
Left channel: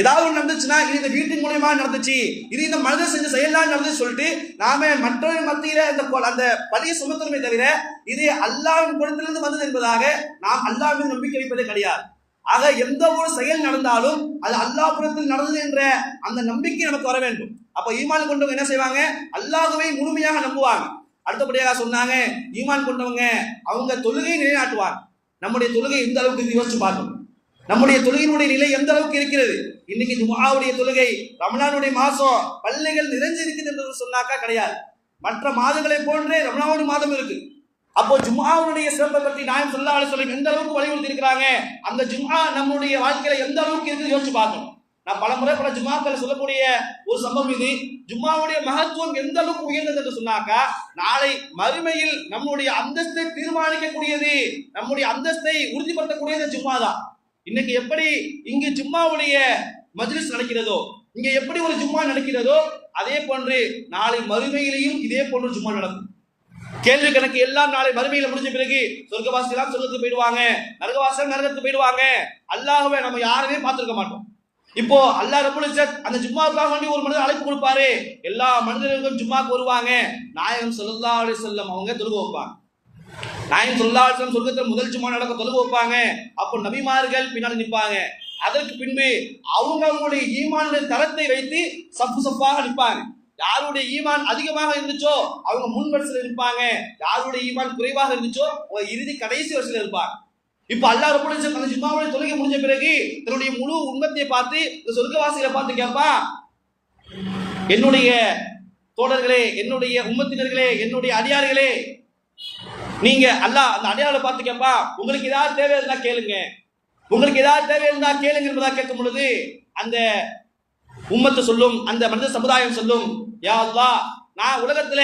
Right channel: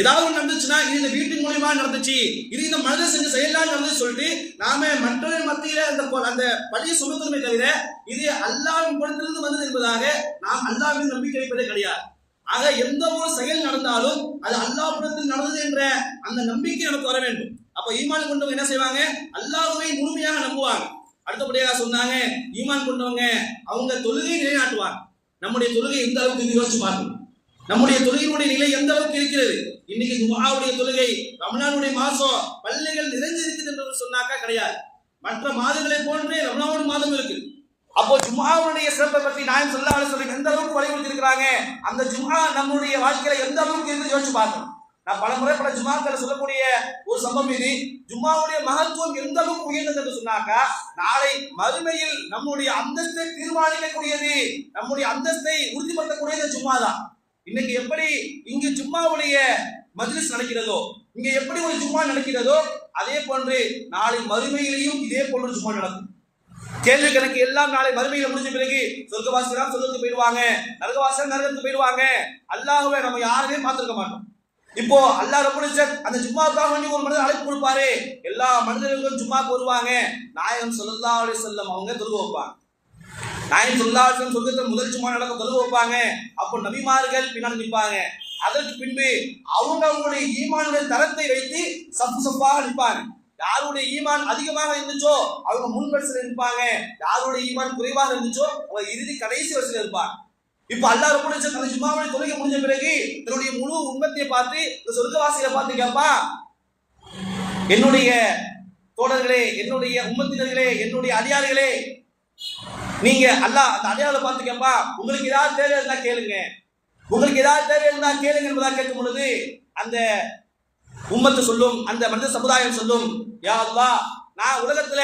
ஏதாவது ஒன்று நடந்துச்சுன்னா இது இந்த வீட்டின் மூலமா நடந்துச்சு, இது இந்த மனிதர் செஞ்ச செயலால் நடந்து சொல்லிட்டு நாம மற்றொரு மத்தியில அந்த பழியை சுமத்துறமே தவிர இது அல்லாஹ்வின் புறத்திலிருந்து வந்தது என்பதாக நாம் அல்லாஹ்வின் நம்பிக்கை வைப்பதே கிடையாது. ஆக எந்த ஒரு செயல் நடந்தாலும் அது அல்லாஹ் புறத்தில் நடந்தது என்ற அந்த நம்பிக்கை நமக்கு வர வேண்டும். அப்ப ஈமான் கொண்டவங்க என்ன செய்வாங்க, அல்லாஹ்வை முழுமையாக நம்புவாங்க. அடுத்தபடியாக சொன்னாங்க, ஈமான் கொண்டவங்க அவங்க தொழுகையை நிலைநாட்டுவாங்க. நம்முடைய தொழுகை எந்த அளவுக்கு யோசிச்சு பார்க்கணும், நம்முடைய தொழுகையினுடைய நிலை எந்த அளவுக்கு இருக்கிறது. இன்னைக்கு ஜும்ஆவுடைய தொழுகை ரமலானுடைய மாசம் பள்ளிகள் நிறைஞ்சு இருக்குது என்று சொன்னாக்கா கிடையாது. மற்ற மாதங்களை போன்றே ரமலானுடைய மாதம் இருக்கு. அப்போ ஜும்ஆவுடைய சிறப்பை பற்றி நாயகம் ஸல்லல்லாஹு அலைஹி வஸல்லம் எந்த அளவுக்கு வலியுறுத்தி இருக்கிறாங்க, அந்த ஜும்ஆ நம்முடைய வாழ்க்கையில எந்த அளவுக்கு இருக்கு யோசிச்சு பார்க்கணும். நான் பல ஜும்ஆக்களை சொல்லக்கூடிய ஒரு சம்பவம் இது. ஜும்ஆவுடைய மகத்துவம் எந்த அளவுக்கு உயர்ந்தது என்று சொன்னாக்கா, நாளை மறுமையில் நம்முடைய அந்தஸ்தை தீர்மானிக்கக்கூடியது, நம்முடைய அந்தஸ்தை உறுதிப்படுத்தக்கூடியது ஜும்ஆ தான். இன்னைக்கு எப்படி இங்கு ஜும்ஆவுடைய மஜ்லிஸ் நடக்கிறதோ, இங்க எப்படி ஒரு ஜும்ஆ நடக்கிறதோ, அதே போன்று நாளை மறுமையிலையும் இதே போன்று ஜும்ஆ நடக்கும். கேள்வி கணக்கு எல்லாம் நாளை மறுமையில முடிஞ்ச பிறகு சொர்க்கவாசிகள் சொர்க்கத்துக்கு போயிடுவாங்க, நரகவாசிகள் நரகத்துக்கு போயிடுவாங்க. அல்லாஹ்வை நம்ம யாருமே பார்த்திருக்க மாட்டோம். இப்போ அல்லாஹ் ரப்பல் இஸ்ஸத் அந்த ஜும்ஆவுக்காக வேண்டி ஒரு மனிதர் அழைப்பு கொடுப்பாரு, எல்லா மனிதர்களும் ஜும்ஆக்கு வருவாங்க. நாயகம் ஸல்லல்லாஹு அலைஹி வஸல்லம் அவங்க தொழுகை வைப்பாங்க. நாயகம் ஸல்லல்லாஹு அலைஹி வஸல்லம் சொர்க்கத்தில் முதல் ஜும்ஆ நடக்க தொழுகை வைப்பாங்க. அப்போ நபிமார்கள் பின்னாடி நிற்பாங்க. அதற்கு பின்பு அவங்களுடைய ஈமானுடைய தரத்தை வைத்து சப்பாக நிற்பாங்க. யாருடைய ஈமான் அதிகமாக இருந்துச்சோ அவங்க முன் வரிசையில் இருப்பாங்க, யாருடைய ஈமான் குறைவாக இருந்துச்சோ அவங்க இறுதி கடைசி வரிசையில் இருப்பாங்க. இப்ப அல்லாஹ் ரப்பல் இஸ்ஸத் அந்த ஜும்ஆவுடைய தொழுகை முடிஞ்ச பிறகு தன்னுடைய முழு உம்மத்தை பார்த்து இந்த சொர்க்கவாசிகளை பார்த்து கேட்பா, என்னுடைய தோழர்களே, என்னுடைய உம்மத்தினர்களே, என்னுடைய அடியார்களே, நீங்க அல்லாஹ் அந்த அடியார்களை பார்த்து கேட்பா, உங்களுக்கு ஏதாவது தேவை இருந்தா கேளுங்க, உங்களுக்கு ஏதாவது தேவை இருந்தா கேளுங்க என்பதா கேட்கும் பொழுது அந்த உம்மத்து சொல்லும், அந்த மனித சமுதாயம் சொல்லும், யா அல்லாஹ், நான் உலகத்துல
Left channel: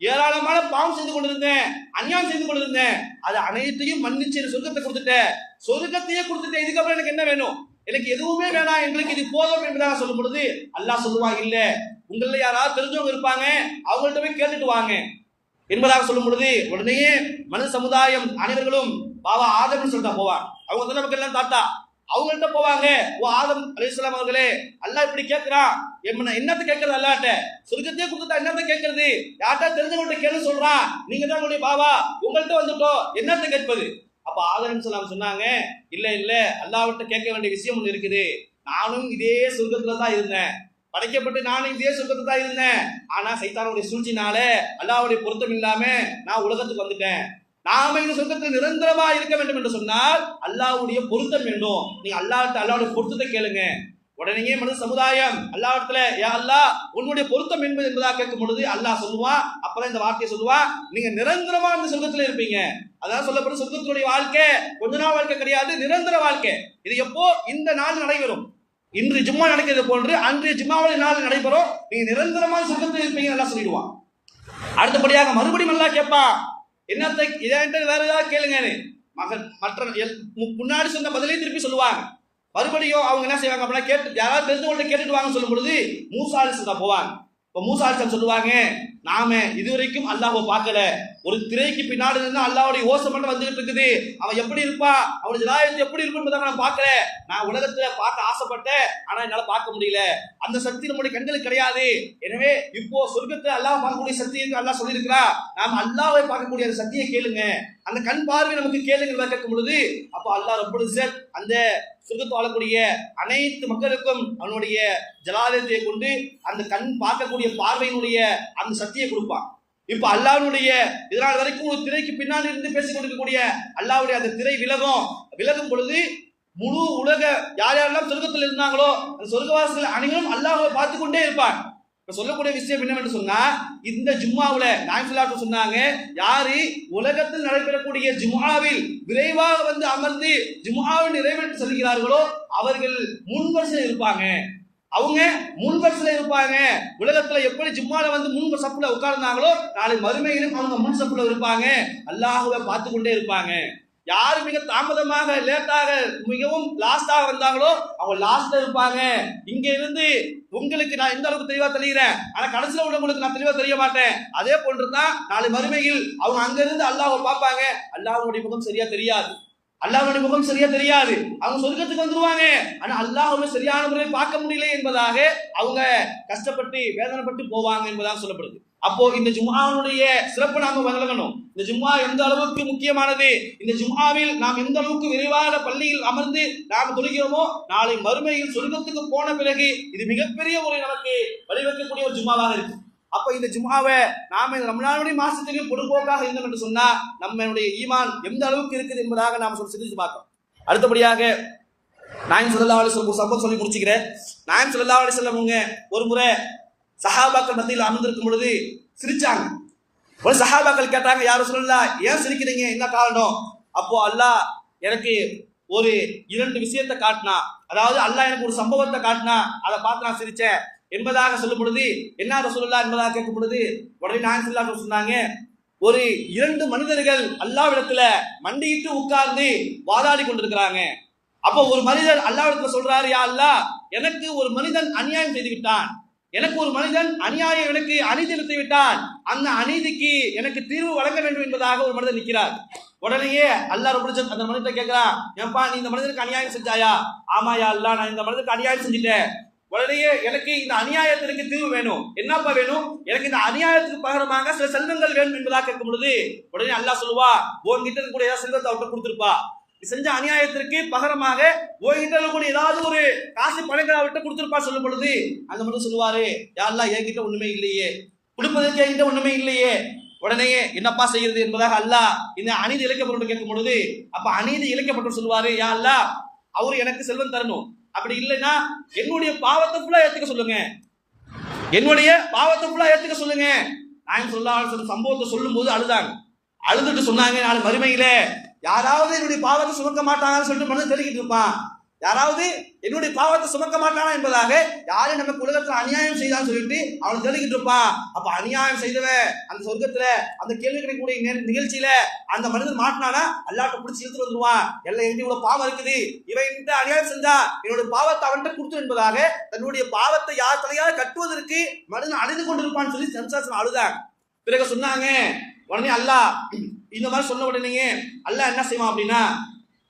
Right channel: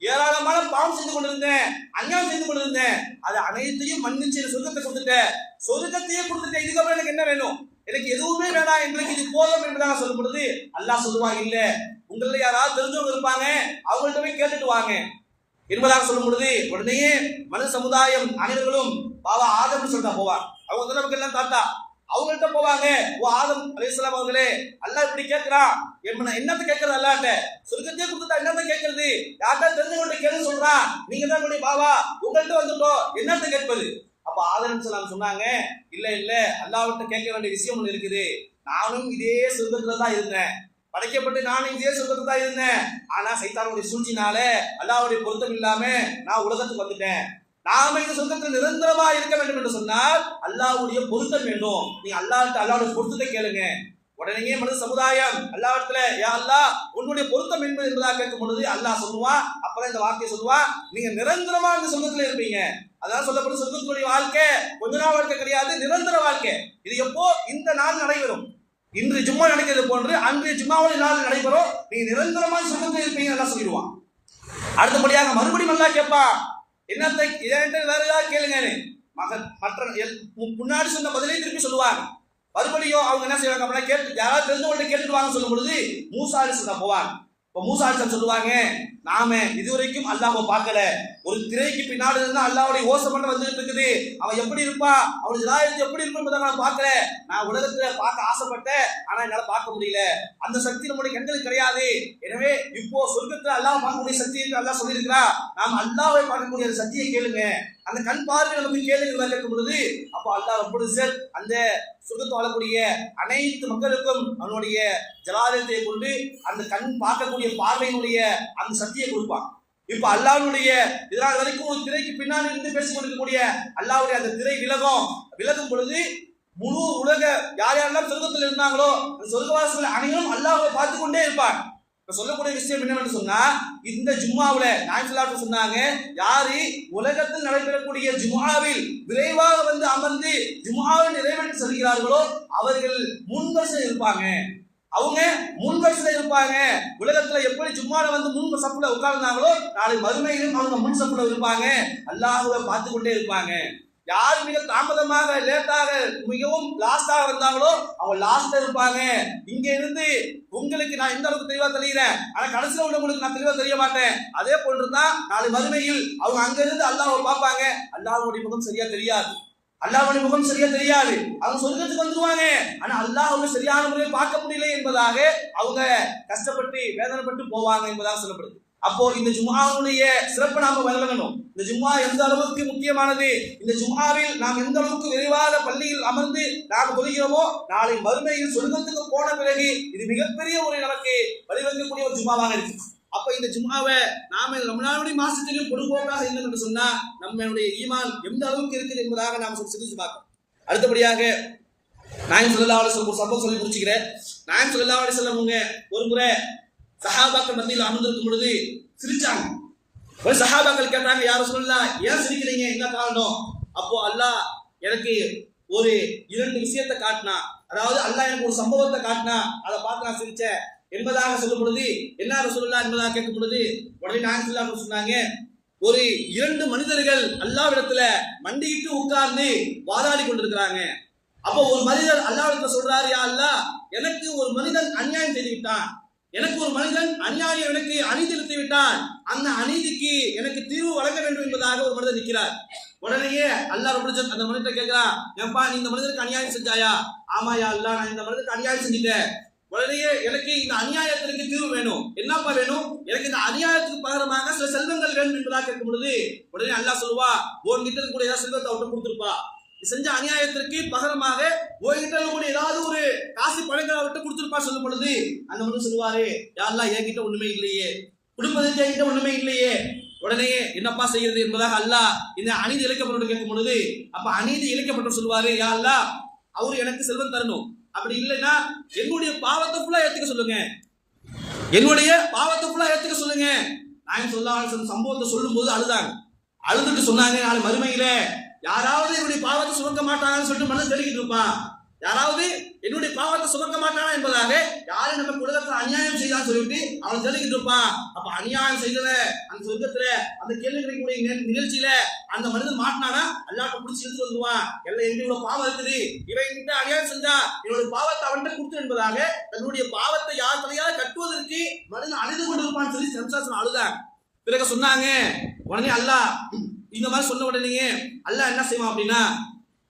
ஏராளமான பாவம் செய்து கொண்டிருந்தேன், அநியாயம் செய்து கொண்டிருந்தேன், அது அனைத்தையும் மன்னிச்சு சொர்க்கத்தை கொடுத்துட்டேன், சொர்க்கத்தையே கொடுத்துட்டேன், இதுக்கப்புறம் எனக்கு என்ன வேணும், எனக்கு எதுவுமே வேணாம், எங்களுக்கு இது போதும் என்பதாக சொல்லும் பொழுது அல்லாஹ் சொல்லுவாங்க, இல்ல உங்கள யாராவது தெரிஞ்சவங்க இருப்பாங்க, அவங்கள்ட்ட போய் கேட்டுட்டு வாங்க என்பதாக சொல்லும் பொழுது உடனே மனித சமுதாயம் அனைவர்களும் பாவா ஆதம்னு சொல்லிட்டா போவாங்க. அவங்க வந்து நமக்கு எல்லாம் தாத்தா, அவங்கள்ட்ட போவாங்க. ஓ ஆதம் அலைஹிஸ்ஸலாம் அவர்களே, அல்லாஹ் இப்படி கேட்கிறான், என்னத்த கேட்கறது, அல்லாஹ்ட்ட சொர்க்கத்தையே கொடுத்துட்டா என்னத்த கேட்கறது, யார்கிட்ட தெரிஞ்சவங்கள்ட்ட கேளுன்னு சொல்றான், நீங்க தான் என்னுடைய பாவா, உங்கள்கிட்ட வந்துட்டோம், என்னத்த கேட்பது. அப்ப ஆதம் அலைஹிஸ்ஸலாம் சொன்னாங்க, இல்ல இல்ல அல்லாஹ்விட்ட கேட்க வேண்டிய விஷயம் ஒண்ணு இருக்குது, நானும் இதே சொர்க்கத்துல தான் இருந்தேன், படைக்கப்பட்டு நானும் இதே சொர்க்கத்துல தான் இருந்தேன், ஆனா சைத்தானுடைய சூழ்ச்சினால அல்லாஹ்வுடைய பொருத்தம் இல்லாம நான் உலகத்துக்கு வந்துட்டேன், நாம இந்த சொர்க்கத்தில் நிரந்தரமா இருக்க வேண்டும் என்று சொன்னால் அல்லாஹ்வுடைய பொருத்தம் வேண்டும், நீங்க அல்லாஹ்வுடைய பொருத்தத்தை கேளுங்க. உடனே மனித சமுதாயம் அல்லாஹ்விடத்துல, யா அல்லாஹ் உன்னுடைய பொருத்தம் என்பதாக கேட்கும் பொழுது அல்லாஹ் சொல்லுவான், அப்பதான் இந்த வார்த்தையை சொல்லுவான், நீங்க நிரந்தரமா இந்த சொர்க்கத்துல இருப்பீங்க. அதான் சொல்லப்படும் சொர்க்கத்தினுடைய வாழ்க்கை கொஞ்ச நாள் வாழ்க்கை கிடையாது, நிரந்தர வாழ்க்கை. இது எப்போ, இந்த நாள் நடைபெறும், இன்று ஜும்மா நடக்கிறது போன்று அன்றைய ஜும்மாவுடைய நாள் நடைபெறும், நீங்க நிரந்தரமாக சொர்க்கத்தில் இருப்பீங்க நல்லா சொல்லிடுவான். அடுத்தபடியாக மறுபடியும் நல்லா கேட்பான், என்னத்தை இதை வேற ஏதாவது கேளுங்க, மற்ற முன்னாடி சொன்ன பதிலையும் திருப்பி சொல்லுவாங்க. மறுபடியும் அவங்க என்ன செய்வாங்க அப்படின்னா, கேட்டு யாராவது தெரிஞ்சவங்கள்ட்ட கேட்டுட்டு வாங்க சொல்லும் பொழுது மூசா அலைஹிஸ்ஸலாம் போவாங்க. இப்போ மூசா அலைஹிஸ்ஸலாம் சொல்லுவாங்க, நாம இதுவரைக்கும் அல்லாஹ்வை பார்க்கல, ஒரு திரைக்கு பின்னாடி இருந்தா அல்லாஹ்வுடைய ஓசை மட்டும் வந்துகிட்டு இருக்குது, அவன் எப்படி இருப்பான், அவனுடைய ஜலாயத்து எப்படி இருக்கும் என்பதை நான் பார்க்கல, நான் உலகத்துல பார்க்க ஆசைப்பட்டேன், ஆனா என்னால பார்க்க முடியல, அந்த சக்தி நம்முடைய கண்களுக்கு கிடையாது, எனவே இப்போ சொர்க்கத்துல அல்லாஹ் பார்க்கக்கூடிய சக்தி அல்லாஹ் சொல்லியிருக்கிறா, நாம் அல்லாஹ்வை பார்க்கக்கூடிய அந்த சக்தியை கேளுங்க, அந்த கண் பார்வை நமக்கு கேளுங்க கேட்கும் பொழுது அப்போ அல்லாஹ் ரப்பல் இஸ்ஸத் அந்த சொர்க்கத்தை வாழக்கூடிய அனைத்து மக்களுக்கும் அவனுடைய ஜலாலயத்தை கொண்டு அந்த கண் பார்க்கக்கூடிய பார்வையினுடைய அந்த சக்தியை கொடுப்பான். இப்ப அல்லாஹ்வுடைய இதனால் வரைக்கும் ஒரு திரைக்கு பின்னாடி இருந்து பேசிக் கொண்டிருக்கக்கூடிய அல்லாஹ்வுடைய அந்த திரை விலகும் பொழுது முழு உலக யார் யாரெல்லாம் சொர்க்கத்தில் இருந்தாங்களோ அந்த சொர்க்கவாசிகள் அனைவரும் அல்லாஹ்வை பார்த்து கொண்டே இருப்பாங்க. இப்ப சொல்லக்கூடிய விஷயம் என்னவென்று சொன்னா, இந்த ஜும்மாவுல நாயகம் ஸல்லல்லாஹு அலைஹி சொன்னாங்க, யாரு உலகத்தில் நடைபெறக்கூடிய ஜும்மாவில் விரைவாக வந்து அமர்ந்து ஜும்மாவை நிறைவேற்றி செல்கிறார்களோ அவர்கள் முன்வரிசையில் இருப்பாங்க. அவங்க முன்வரிசையில் இருப்பாங்க. உலகத்துல எப்படி ஜும்மால வந்து முன் சப்புல உட்கார்ந்தாங்களோ நாளை மறுமையிலும் அவங்க முன் சப்புல இருப்பாங்க, அல்லாஹ்வை பார்த்து கொண்டே இருப்பாங்க. யாரு மிக தாமதமாக லேட்டாக மிகவும் லாஸ்டாக வந்தாங்களோ அவங்க லாஸ்ட்ல இருப்பாங்க. இங்க இருந்து உங்களுக்கு நான் எந்த அளவுக்கு தெளிவா தெரிகிறேன், ஆனா கடைசியில உள்ளவங்களுக்கு நான் தெளிவா தெரிய மாட்டேன். அதே போன்றுதான் நாளை மறுமையில் அவங்க அங்க இருந்து அல்லாஹ்வை பார்ப்பாங்க, அல்லாஹ்வுடைய முகம் சரியா தெரியாது, அல்லாஹ்வுடைய முகம் சரியா தெரியாது, அவங்க சொர்க்கத்துக்கு வந்துருவாங்க, ஆனா அல்லாஹ்வை சரியான முறையில் பார்க்க முடியல என்பதாக அவங்க கஷ்டப்பட்டு வேதனைப்பட்டு போவாங்க என்பதாக சொல்லப்படுது. அப்போ இந்த ஜும்ஆவுடைய சிறப்பு நாம வழங்கணும். இந்த ஜும்ஆ எந்த அளவுக்கு முக்கியமானது, இந்த ஜும்ஆவில் நாம் எந்த அளவுக்கு விரைவாக பள்ளியில் அமர்ந்து நாம் தொழுகிறோமோ நாளை மறுமையில் சொர்க்கத்துக்கு போன பிறகு இது மிகப்பெரிய ஒரு நமக்கு வழிவகுக்கக்கூடிய ஒரு ஜும்ஆவாக இருக்கு. அப்ப இந்த ஜும்ஆவை நாம ரமலானுடைய மாசத்திலும் பொதுபோக்காக இருந்தோம் என்று சொன்னா நம்மளுடைய ஈமான் எந்த அளவுக்கு இருக்குது என்பதாக நாம் சிந்திச்சு பார்க்கணும். அடுத்தபடியாக நாயகம் ஸல்லல்லாஹு அலைஹி வஸல்லம் சம்பவம் சொல்லி முடிச்சுக்கிறேன். நாயகம் ஸல்லல்லாஹு அலைஹி வஸல்லம் அவங்க ஒரு முறை சஹாபாக்கள் மத்தியில் அமர்ந்திருக்கும் பொழுது சிரிச்சாங்க. ஒரு சஹாபாக்கள் கேட்டாங்க, யார் ரசூலுல்லாஹ் ஏன் சிரிக்கிறீங்க, என்ன காரணம்? அப்போ அல்லாஹ் எனக்கு ஒரு 2 விஷயத்தை காட்டினா, அதாவது அல்லாஹ் எனக்கு ஒரு சம்பவத்தை காட்டினா, அதை பார்த்து நான் சிரிச்சேன் என்பதாக சொல்லும் பொழுது என்ன ரசூலுல்லாஹ் என்பதாக கேட்கும் பொழுது உடனே நாயகம் ஸல்லல்லாஹு அலைஹி வஸல்லம் சொன்னாங்க, ஒரு 2 மனிதர்கள் அல்லாஹ்விடத்துல மண்டியிட்டு உட்கார்ந்து வாதாடி கொண்டிருக்கிறாங்க. அப்போ ஒரு மனிதர் அல்லாஹ்விடத்துல சொல்றாரு, யா அல்லாஹ் எனக்கு ஒரு மனிதன் அநியாயம் செய்து விட்டான், எனக்கு ஒரு மனிதன் அநியாயம் எனக்கு அநீதி இழுத்து விட்டான், அந்த அநீதிக்கு எனக்கு தீர்வு வழங்க வேண்டும் என்பதாக ஒரு மனிதன் நிற்கிறார். உடனேயே அல்லாஹ் ரப்பல் இஸ்ஸத் அந்த மனிதனை கேட்கிறான், ஏன்பா நீ இந்த மனிதனுக்கு அநியாயம் செஞ்சாயா? ஆமாயா அல்லாஹ், நான் இந்த மனிதனுக்கு அநியாயம் செஞ்சுட்டேன். உடனேயே எனக்கு இந்த அநியாயத்திற்கு தீர்வு வேணும், என்னப்பா வேணும்? எனக்கு இந்த அநியாயத்துக்கு பகரமாக சில செல்வங்கள் வேணும் என்பதாக கேட்கும் பொழுது உடனே அல்லாஹ் சொல்லுவா, உன்கிட்ட இருக்கக்கூடிய ஏதாவது செல்வத்தை அவர்கிட்ட கொடுத்துருப்பா, செஞ்ச அநியாயத்திற்கு பகரமாக உங்ககிட்ட ஏதாவது ஒரு காசு பணங்களை விட்டு கொடுத்துருப்பா சொல்லும் பொழுது அந்த மட்டும் சொல்லுவாரு, யா அல்லாஹ் என்கிட்ட ஒண்ணுமே இல்லையே, கொடுப்பதற்கு என்கிட்ட ஒண்ணுமே இல்லையே. உடனே என்னப்பா செய்யறது என்பதாக அல்லாஹ் இந்த அநீதி இழைக்கப்பட்டு கேட்கும் பொழுது அப்ப அநீதி இழைக்கப்பட்டு சொல்லுவாரு, யா அல்லாஹ் அவரு எனக்கு செல்வம் தரணும், அப்படி இல்லைன்னா என்னுடைய பாவத்தை ஃபுல்லா ஏத்துக்க சொல்லுங்க, என்னுடைய பாவத்தை ஃபுல்லா ஏத்துக்க சொல்லுங்க. நாயகம் ஸல்லல்லாஹு அலைஹி வஸல்லம் சம்பவத்தை சொல்லும் போது அழுதுட்டு சொன்னாங்க, நாளை மறுமையில யாராவது என்னுடைய பாவத்தை சுமக்க மாட்டாங்கன்னு சொல்லிட்டு மனதில் தெளிக்கிட்டு இருப்பான், யாராவது என்னுடைய பாவத்தை சுமக்க மாட்டானா என்பதாக யாரும் நமக்கு உலகத்துல அநியாயம் செய்தான்னு சொல்லிட்டு அவன் சொல்லிக்கிட்டு இருப்பான். அப்ப அநியாயம் செய்தவன் அந்த சொர்க்கத்துல அந்த கேள்வி கிடைக்கக்கூடிய நிகழ்ச்சியில அந்த மனிதன் மாட்டினானா அல்லாட்ட பிடிச்சி இழுத்து வந்துருவான். எல்லாம் எங்க இவ்வளவு பாவம் இருக்குது, இவன் அநியாயம் செஞ்சா என்னுடைய பாவத்தை அவன்கிட்ட கொடுத்து என்பதாக தன்னுடைய பாவத்தை யார் தலையால் கட்டுவதற்கு மனிதன் அழுது கொண்டிருப்பான்னு சொல்லி சம்சாசனம் அழுதாங்க. பிறகு சொன்னாங்க, உடனே அல்லாஹ் இந்த மாதிரி சொன்ன உடனே அல்லாஹ் என்ன செய்வான் அப்படின்னா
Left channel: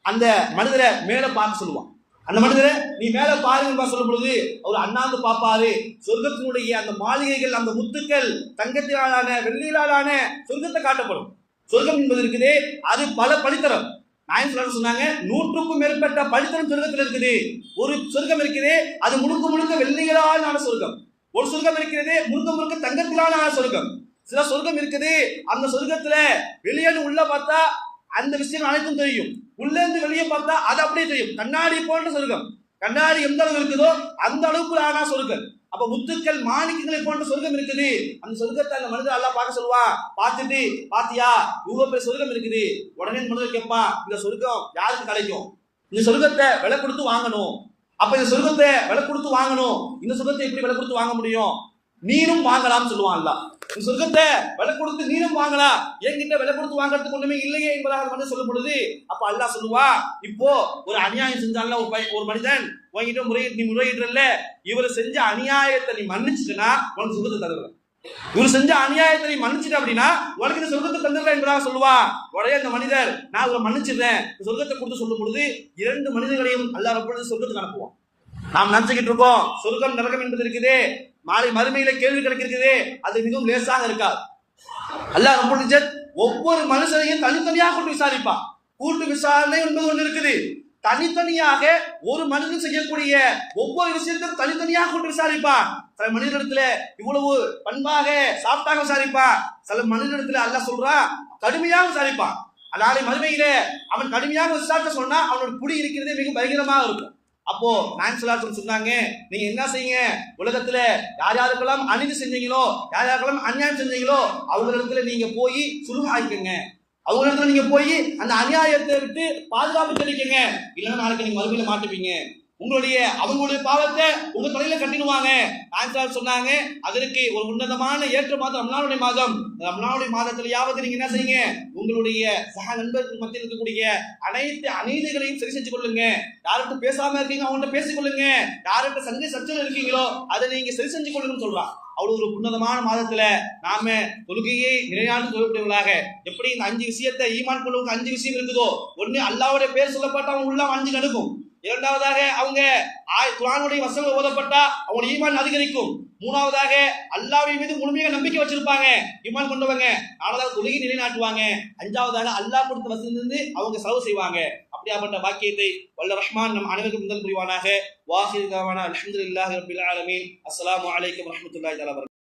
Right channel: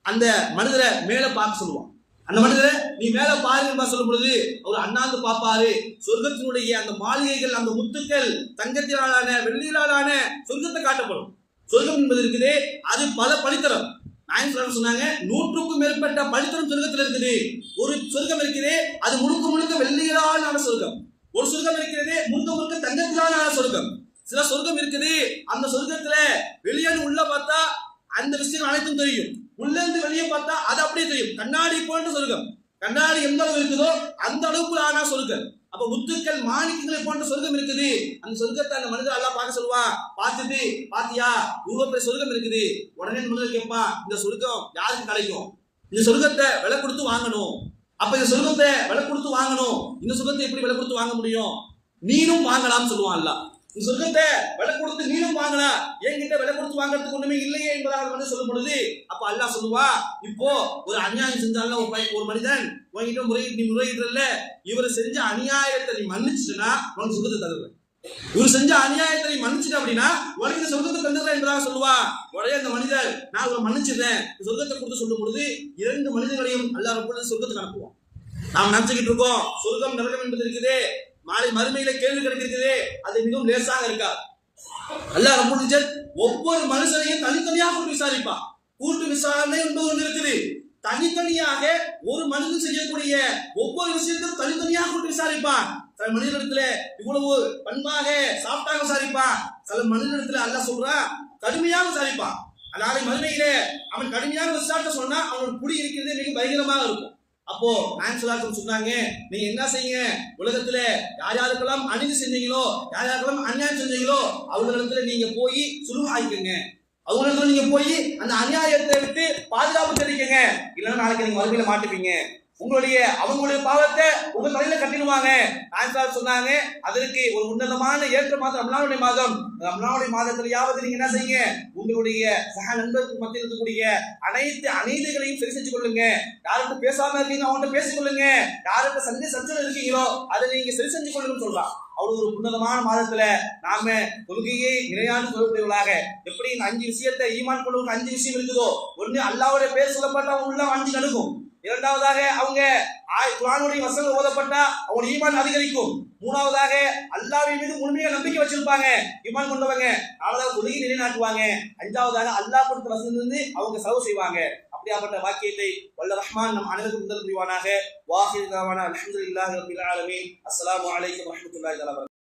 அந்த மனிதரை மேல பார்க்க சொல்லுவான். அந்த மனிதரை நீ மேல பாருங்க சொல்லும் பொழுது அவர் அண்ணாந்து பார்ப்பாரு. சொர்க்கத்தினுடைய அந்த மாளிகைகள், அந்த முத்துக்கள், தங்கத்தினாலான வெள்ளியிலான சொர்க்கத்தை காட்டப்படும். சொர்க்கம் என்பது இருக்குது, அது பல படித்தரம். நாயகம் சொன்னாங்க 100க்கும் மேற்பட்ட படித்தரம் சொர்க்கத்தில் இருக்குது. ஒரு சொர்க்கம் இருக்குது, அது முழுக்க முழுக்க வெள்ளிகளாலான சொர்க்கம். ஒரு சொர்க்கம் இருக்கிறது முழுக்க முழுக்க தங்கத்திலான சொர்க்கம். சில சொர்க்கம் இருக்குது, அந்த சொர்க்கத்துல வெளியே உள்ள பார்த்தா அந்த விஷயம் அனைத்தும் தெரியும், உள்ள இருந்து வெளியே பார்த்தா அது அப்படியே தெரியும். கண்ணாடி போன்ற சொர்க்கம். கண்ணாடி எந்த அளவு இருக்குதோ அந்த அளவுக்கு ஆனா சொர்க்கம். அப்ப முத்துக்கள் மாணிக்கங்களை போன்ற சொர்க்கம் இருக்குது. அந்த சொர்க்கத்தை அந்த மனிதர் அல்லாஹ் பார்க்க சொல்லுவான். பார்த்துட்டு பாத்தியா இவ்வளவு பெரிய சொர்க்கம் இருக்குது. உடனே மனிதர் கேட்பான், இந்த சொர்க்கம் யாருக்கு கிடைக்கும்? இந்த சொர்க்கத்தை விலை கொடுத்து வாங்கணும். அப்ப இந்த சொர்க்கத்தை விலை கொடுத்து வாங்கணும். இந்த சொர்க்கத்தை எப்படி விலை கொடுத்து வாங்க முடியும்? நீனும் வாங்கலாம் சொல்லுவான் அல்லாஹ். இந்த சொர்க்கத்தை விலை கொடுத்து நீனும் வாங்கலாம், என்கிட்ட விலை கொடுத்து வாங்குறதுக்கு ஒண்ணுமே இல்லையே என்பதாக வந்து சொல்லும் பொழுது அப்ப அல்லாஹ் சொல்லுவா, இப்போ ஒரு அநியாயம் செஞ்சால ஒரு மனிதன் உங்ககிட்ட நீ முறையிடல, இவர் செஞ்ச அநியாயத்தை நீ மன்னிச்சுட்டா உனக்கு சொர்க்கத்தை தருவேன். இவர் செஞ்ச அநியாயத்தை நீ மன்னிச்சுட்ட அப்படின்னா உனக்கு இந்த சொர்க்கத்தை தந்துடுறேன் என்பதாக சொல்லுவா. உடனே அந்த மனிதர் நான் இவரை மன்னிச்சிருந்தேன் சொர்க்கத்தை கொடுத்து சொல்லும் பொழுது 2 மனிதர்களையும் அல்லாஹ் ரப்பல் சொர்க்கத்துக்கு அனுப்புவான். நாம் நினைச்சுக்கிட்டு இருக்கோம் சொர்க்கம் நரகம் என்பது இருக்குது, மாலை மறுமையில கேள்வி கிடைக்கிறது, அது மிகவும் லேசாக இருக்காது. அல்லாஹ் ரப்பல் இஸ்ஸத் ஒவ்வொரு மனுஷனையும் தனித்தனியாக கூட்டு விசாரிப்பான். கூட்டு விசாரணை என்பது ஒன்று இருக்குது. தனித்தனியாக ஒரு மனிதன் செய்யக்கூடிய ஒவ்வொரு விஷயத்தையும் தனித்தனியாக கூட்டு விசாரிப்பான். சில மனிதனிடத்துல இவ்வளவு பண்பாக சாப்பிட்டாக விசாரிப்பான். சில மனிதனிடத்துல அல்லாஹ் சொல்றான் கடுமையாக விசாரிப்பான். நாளை மறுமையில அவன் கடுமையாக விசாரிக்க சொன்னா அவனோட குடி இருக்கிறதே மிக பயங்கரமாக இருக்கும். அப்போ நாயகம் சொன்னாங்க, நீங்க என்ன செய்யுங்க, உலகத்துல யார் யாருக்கெல்லாம் அநீதி செஞ்சீங்களோ, யார் யாருக்கெல்லாம் அநியாயம் செஞ்சீங்களோ அவங்களிடத்துல நீங்க போய் சுலுஹ் ஆயிக்கங்க. அவங்களிடத்துல நீங்க போய் அந்த அநியாயத்தை விட்டு பாதுகாப்பு தெரிவிக்கங்க. இல்லைன்னா நாளைக்கு நீங்க மறுமையில மாட்டுப்பீங்க. அவங்களுடைய பாவத்தை உங்க தலையில கட்டிடுவாங்க. நாயகம் சொன்னாங்க, அதற்கு ஒரு உன்னதமான ஏற்ற மாதம் ரமலானுடைய மாதம். ரமலானுடைய மாதத்திலேயாவது நீங்க என்ன செய்யுங்க, உங்களுடைய சக நண்பர்கள் மத்தியில் இருக்கக்கூடிய அனைத்து அநீதிகளையும் சரி செஞ்சு கொள்ளுங்க. யார்கிட்ட பேசாம இருக்கீங்க அவங்கள்ட்ட பேசிக் கொள்ளுங்க. யார்கிட்ட சண்டை சச்சரவு இருக்கீங்களோ அதை நீங்க சரி செஞ்சு கொள்ளுங்கன்னு சொல்றான். அவ்வளவு ஒரு புன்னதமான மாதத்துல நாம தொழுகையை நிலையான தொழுகைகளாக எப்படி இந்த 5 விஷயத்தை ஈமான் கொண்டவங்க 5 விஷயம் இருக்குதோ, ஒண்ணு அல்லாஹ்வுடைய பேர் சொல்லப்பட்ட அவங்க உள்ள 5 நடக்கும். இரண்டாவதாக அவங்க குர்ஆனுடைய வசனங்கள் ஓதப்பட்டா அவங்க ஈமான் அதிகரிக்கும். மூணாவதாக அல்லாஹ்வின் மீது முழுமையாக நம்பிக்கை வச்சிருப்பாங்க ஈமான் கொண்டவங்க. நாலாவது தொழுகை நிலைநாட்டுவாங்க. அஞ்சாவதாக அல்லாஹ் கொடுத்த வசனத்திலிருந்து அவங்க செலவு செய்வாங்க. அப்படியாப்பட்ட வாக்கியத்தை வல்ல ரஹ்மான் நம் அனைவருக்கும் முதல் புரிவானாக. வாஹிர் தாவானா அல்ஹம்துலில்லாஹி ரப்பில் ஆலமீன். அஸ்ஸலாமு அலைக்கும் வரஹ்மத்துல்லாஹி வபரகாத்துஹு.